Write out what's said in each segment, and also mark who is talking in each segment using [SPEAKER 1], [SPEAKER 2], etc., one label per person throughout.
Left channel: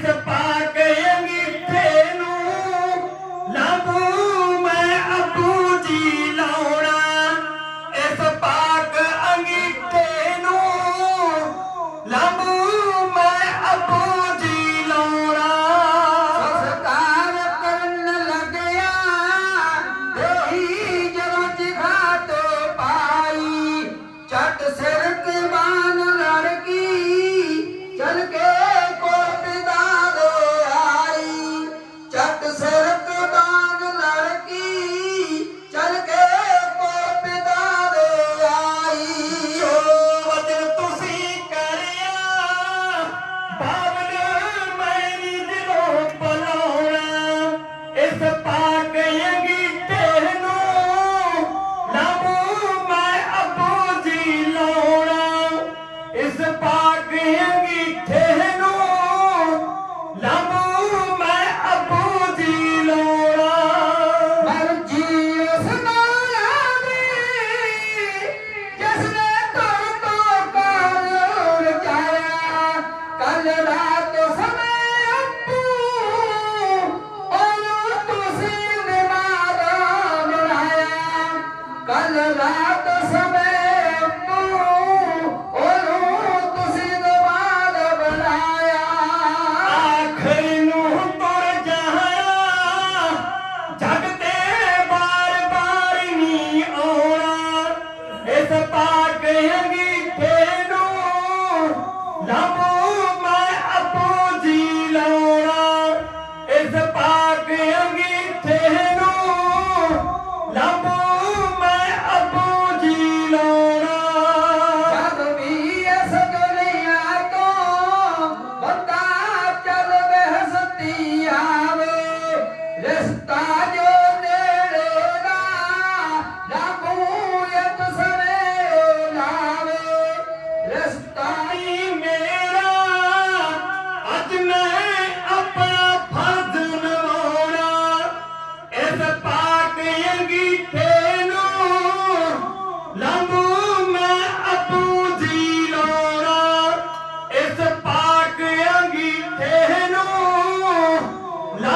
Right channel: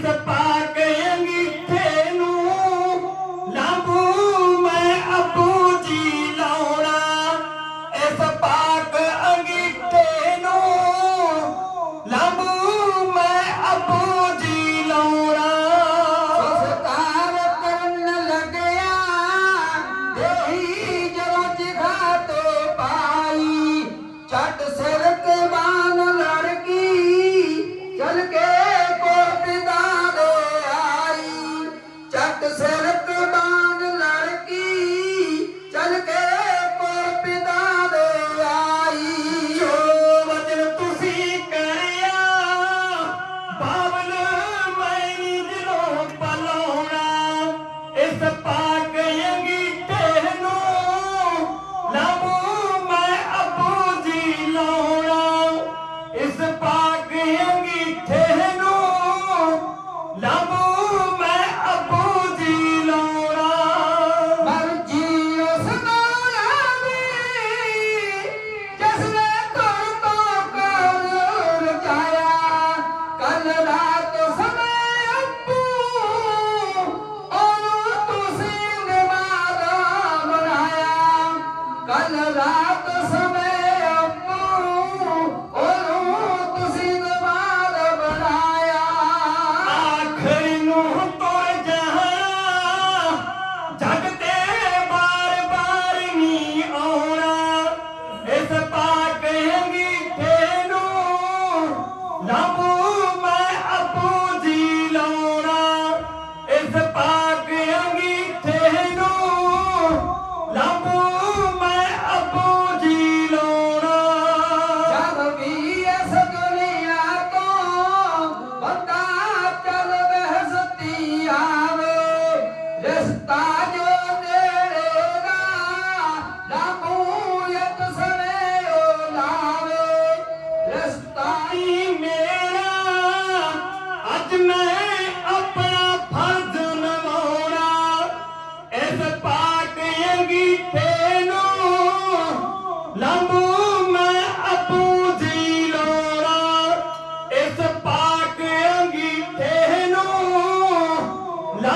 [SPEAKER 1] பாக்க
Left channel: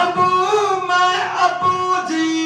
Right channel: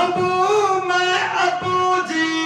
[SPEAKER 1] Abu, my Abu Ji.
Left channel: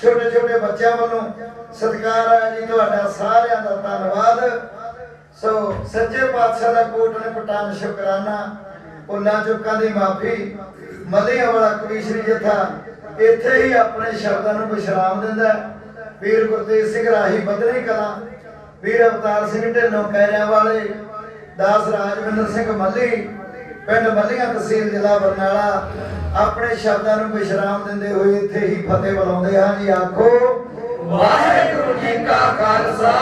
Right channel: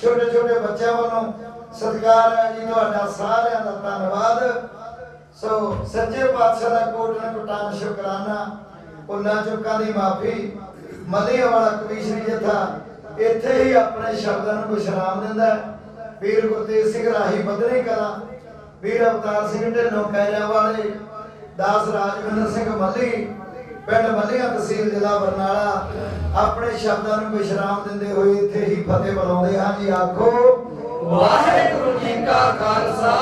[SPEAKER 1] ਛੋਟੇ ਛੋਟੇ
[SPEAKER 2] ਬੱਚਿਆਂ ਵੱਲੋਂ ਸਤਿਕਾਰ ਹੈ ਜੀ, ਤੁਹਾਡਾ ਸਾਰਿਆਂ ਦਾ ਧੰਨਵਾਦ। ਸੋ ਸੱਚੇ ਪਾਤਸ਼ਾਹ ਦਾ ਕੋਟਨ ਪਟਾਨ ਸ਼ੁਕਰਾਨਾ। ਉਹਨਾਂ ਚੁੱਕਾਂ ਦੀ ਮਾਫੀ। ਮਲਿਆ ਵਾਲਾ ਕਵੀਸ਼ਰੀ ਜਥਾ ਇੱਥੇ ਹੀ ਆਪਣੇ ਸ਼ਬਦਾਂ ਨੂੰ ਵਿਸ਼ਰਾਮ ਦਿੰਦਾ ਵੀਰ ਗੁਰਦੇਵ ਸਿੰਘ ਰਾਹੀ ਬਦਰੀ ਕਲਾ, ਵੀਰ ਅਵਤਾਰ ਸਿੰਘ ਢਿੱਲੋਂ ਕੈਰਿਆਂ ਵਾਲੇ, ਦਾਸ ਰਾਜਵਿੰਦਰ ਸਿੰਘ ਮੱਲੀ ਪਿੰਡ ਬੱਲੀਆਂ ਤਹਿਸੀਲ ਜ਼ਿਲ੍ਹਾ ਬਰਨਾਲਾ। ਆਪਣੇ ਸ਼ਬਦਾਂ ਨੂੰ ਵਿਸ਼ਰਾਮ ਦਿੰਦੇ ਹੋਏ ਇੱਥੇ ਹੀ ਫਤਿਹ ਬੁਲਾਉਂਦੇ ਹਾਂ ਜੀ। ਆਖੋ
[SPEAKER 1] ਵਾਹਿਗੁਰੂ ਜੀ ਕਾ ਖਾਲਸਾ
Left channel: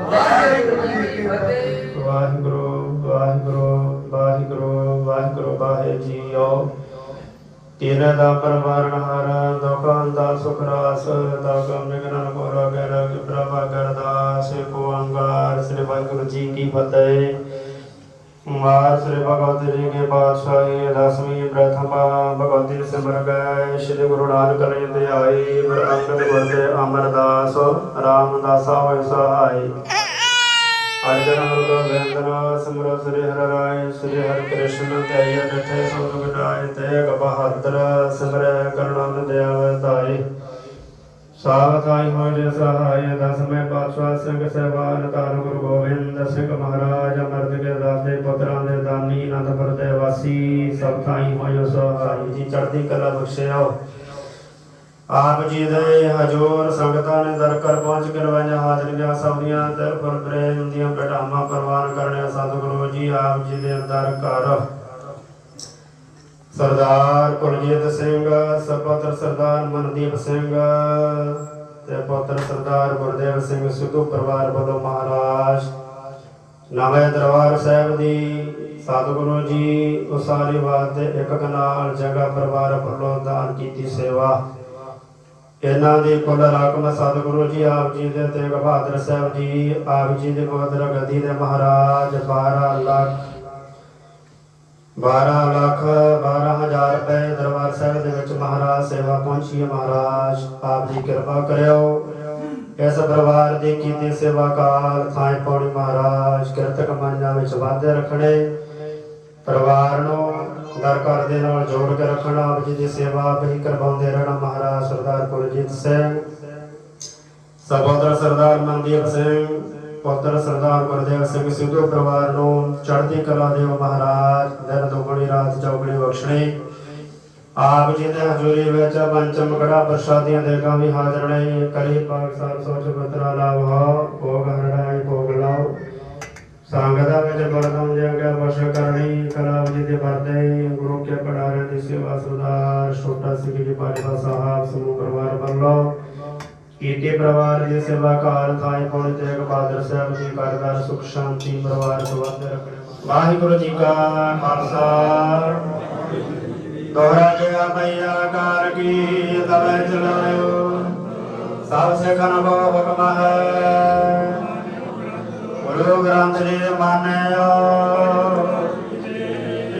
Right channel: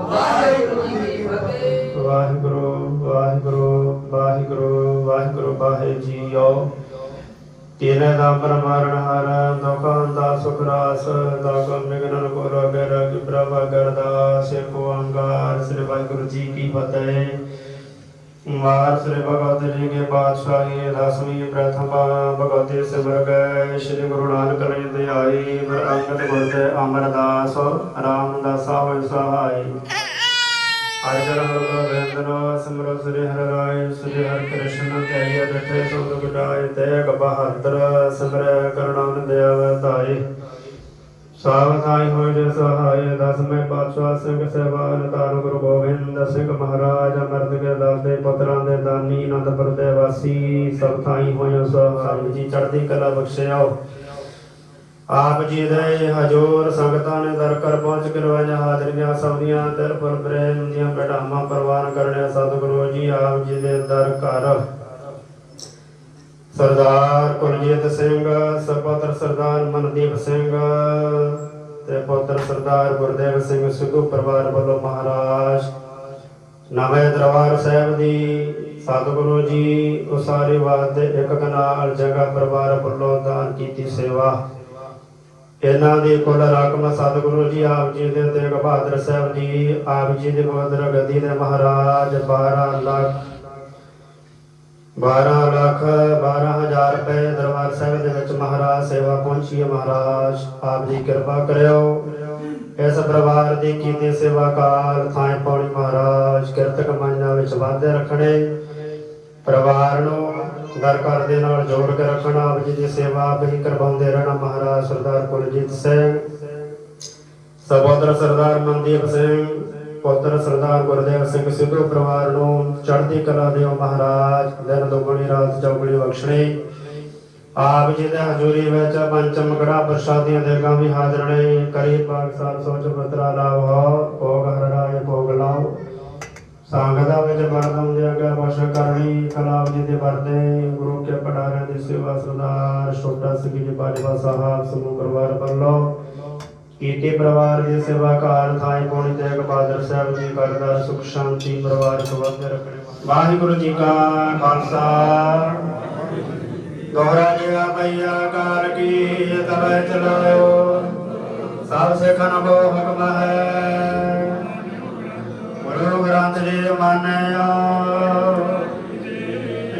[SPEAKER 1] ਵਾਹਿਗੁਰੂ ਜੀ ਕੀ ਫਤਿਹ।
[SPEAKER 3] ਵਾਹਿਗੁਰੂ ਵਾਹਿਗੁਰੂ ਵਾਹਿਗੁਰੂ ਵਾਹਿਗੁਰੂ ਵਾਹਿਗੁਰੂ ਜੀਓ। ਤੇਰੇ ਦਾ ਪਰਵਾਰਨ ਹਾਰਾ ਦੁਖਾਂ ਦਾ ਸੁਖ ਰਾਸ ਦੁਖਮ ਨਿਗਨ ਕੋ ਰਗਰ ਕਿ ਪ੍ਰਭਾ ਕਰਦਾ ਸਿਰ ਕੋ ਅੰਗਾਰ ਸ੍ਰੀ ਵਾਹਿਗੁਰੂ ਜੀ ਕੀ ਫਤਿਹ। मार श्री भगवती जी के पातशाह की दसवीं प्रथमा भगवती सिमर गए श्री गुरु नानक निंद आई गुर अंगद गुर के अमरदास रामदासा होय सहाय अर्जन गुरु वेंदना सिमरो श्री हर राय श्री हर कृष्ण कहिए तथे सुख बिटाए तेग बहादुर सिमर करुणा दयावतारी ਸਾਵਧਾਈ ਹੋਏ ਜੇ ਸਹਾਇ ਦਸਵੇਂ ਪਾਤਸ਼ਾਹ, ਸਿੰਘ ਸਹਿਬਾਨ ਧੰਨ ਗੁਰੂ ਗੋਬਿੰਦ, ਸਿੰਘ ਮਹਾਰਾਜ, ਅਮਰਤ ਕੇ ਦਾਤੇ ਪੁੱਤਰਾਂ ਦੇ ਦਾਨੀ, ਅਨੰਦਪੁਰ ਦੇ ਵਾਸੀ, ਸਭ ਥਾਈ ਹੋਏ ਸਹਾਈ। ਜੀ, ਚੜ੍ਹਦੀ ਕਲਾ ਬਖਸ਼ਿਓ ਆਪ ਜੀ ਦੇ ਹਜੂਰ ਸੰਗਤਾਂ ਨੇ ਦਰ ਕਰ ਪਹੁੰਚ ਕੇ ਰਵਾਈਆਂ ਹਾਜ਼ਰੀਆਂ ਸਭਨੀਆਂ ਤਿਲ ਫੁੱਲ ਪ੍ਰੇਮ ਦੀਆਂ ਬੜਾਵਾਂ ਪ੍ਰਵਾਨ ਕਰਨੇ ਸਤਿਗੁਰੂ ਜੀ ਆਪ ਜੀ ਦੇ ਦਰ ਘਰ ਸਰਦਾਰ ਕੁਲਜੀਤ ਸਿੰਘ ਸਪੁੱਤਰ ਸਰਦਾਰ ਮਨਦੀਪ ਸਿੰਘ ਤੇ ਪੁੱਤਰ ਸਰਦਾਰ ਗੁਰਦੇਵ ਸਿੰਘ ਸਿੱਧੂ ਪਰਿਵਾਰ ਵੱਲੋਂ ਮਹਾਰਾਜ ਨਵੇਂ ਦਰਬਾਰ ਸਾਹਿਬ ਦੀ ਸਤਿਗੁਰੂ ਜੀ ਉਸਾਰੀ ਵਾਸਤੇ ਇੱਕ ਕਨਾਲ ਜਗ੍ਹਾ ਪਰਿਵਾਰ ਵੱਲੋਂ ਦਾਨ ਕੀਤੀ ਸੇਵਾ। ਇਹਨਾਂ ਦੀ ਕੁੱਲ ਰਕਮ ਸਤਿਗੁਰੂ ਜੀ, ਆਪ ਜੀ ਦੇ ਤੇਗ ਬਹਾਦਰ ਸਾਹਿਬ ਜੀ, ਆਪ ਜੀ ਦੇ ਬਹਾਦਰ ਗਦੀ ਦੇ ਮਹਾਰਾਜ 12 ਲੱਖ 12 ਲੱਖ 12000 ਰੁਪਏ ਦਰਬਾਰ ਸਾਹਿਬ ਦੇ ਵਿੱਚ ਮਹਾਰਾਜ ਸੇਵਾ ਪਹੁੰਚੀ ਹੈ। ਮਹਾਰਾਜ ਆਪ ਜੀ ਕਿਰਪਾ ਕਰਿਓ। ਇਸ ਪਰਿਵਾਰ ਦੀ ਕੀਤੀ ਸੇਵਾ ਕਾਲ ਥਾਂ ਪੌੜੀ ਮਹਾਰਾਜ ਕਿਰਤ ਕਮਾਈਆਂ ਵਿੱਚ ਵਾਧੇ ਰੱਖਣੇ। ਪਰਿਵਾਰ ਨੂੰ ਦਰ ਘਰ ਦੇ ਨਾਲ ਜੋੜ ਕੇ ਰੱਖਣਾ, ਆਪ ਜੀ ਦੀ ਸੇਵਾ ਆਪ ਹੀ ਕਰਵਾਉਂਦੇ ਰਹਿਣਾ। ਮਹਾਰਾਜ ਸਰਦਾਰ ਕੁਲਜੀਤ ਸਿੰਘ, ਸਹੋਦਰ ਸਰਦਾਰ ਮਨਦੀਪ ਸਿੰਘ ਪੁੱਤਰ ਸਰਦਾਰ ਗੁਰਦੇਵ ਸਿੰਘ ਸਿੱਧੂ ਪਰਿਵਾਰ ਨੂੰ ਚੜ੍ਹਦੀ ਕਲਾ ਦੇਵ ਮਹਾਰਾਜ, ਦਿਨ ਦੁਗਣੀ ਰਾਤ ਚੌਗਣੀ ਬਖਸ਼ਣੀ। ਆਪ ਜੀ ਦੇ ਹਜ਼ੂਰੀ ਵਿੱਚ ਪੰਚਮ ਗੜਾ ਪ੍ਰਸ਼ਾਦੀਆਂ ਦੇ ਗਾਂ ਵੀ ਹਾਜ਼ਰ ਨੇ। ਕਰੀ ਪਾਕ ਸਾਹਿਬ ਸੋਚ ਬਤਰਾ ਲਾਵਾ ਭੋਗ ਹਰੜਾਏ ਭੋਗ ਲਾਓ। ਸੰਗਦਾ ਵਿੱਚ ਮਨ ਪਹੁੰਚਿਆ ਗਿਆ ਵਸ਼ ਕਰਨੀ ਕਲਾਬ ਜੀ ਦੇ ਵਰਦੇ ਗੁਰੂ ਕੇ ਪੜਾਰੇ ਦੀ ਸੇਵਾ ਸਰਦਾਰ ਛੋਟਾ ਸਿੰਘ ਜੀ ਬਾਜਵਾ ਸਾਹਿਬ ਸਮੂਹ ਪਰਿਵਾਰ ਵੱਲੋਂ। ਕੀਤੇ ਪਰਿਵਾਰ ਦੀ ਸੇਵਾ ਕਾਰ ਥਾਈ ਪੁਣ ਤੇ ਬਹਾਦਰ ਸਾਹਿਬ ਜੀ, ਘਰ ਸੁਖ ਸ਼ਾਂਤੀ, ਪਰਿਵਾਰ ਨੂੰ ਰੱਖਣੇ ਵਾਹਿਗੁਰੂ ਜੀ ਕਾ ਖਾਲਸਾ। ਗੋਰਾ ਗਿਆ ਮਈਆ ਕਾਰ ਕੀ ਤਵੇ ਚਲਾਇਓ ਸਭ ਸਿੱਖਾਂ ਨੂੰ ਹੁਕਮ ਹੈ। ਗੁਰੂ ਗ੍ਰੰਥ ਜੀ ਦੇ ਮਾਨਿਆ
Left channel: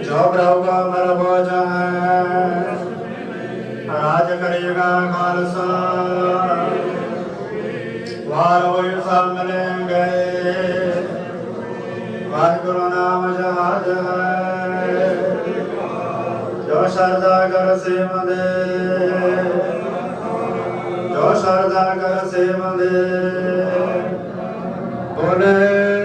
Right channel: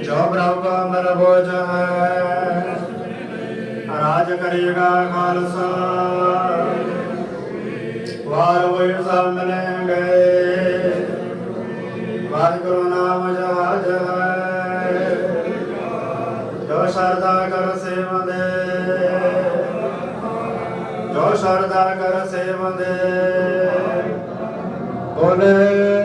[SPEAKER 3] ਜੋ ਪ੍ਰਭੂ ਮਰ ਬੋਝ ਹੈ। ਰਾਜ ਕਰੇਗਾ ਖਾਲਸਾ। ਹੋਏ ਸਭ ਮਿਲਣਗੇ ਵਾਹਿਗੁਰੂ ਨਾਮ ਜਹਾਜ ਜੋ ਸ਼ਰਦਾ ਕਰ ਸੇਵੰਦੇ ਜੋ ਸ਼ਰਦਾ ਕਰ ਸੇਵੰਦੇ ਬੋਲੇ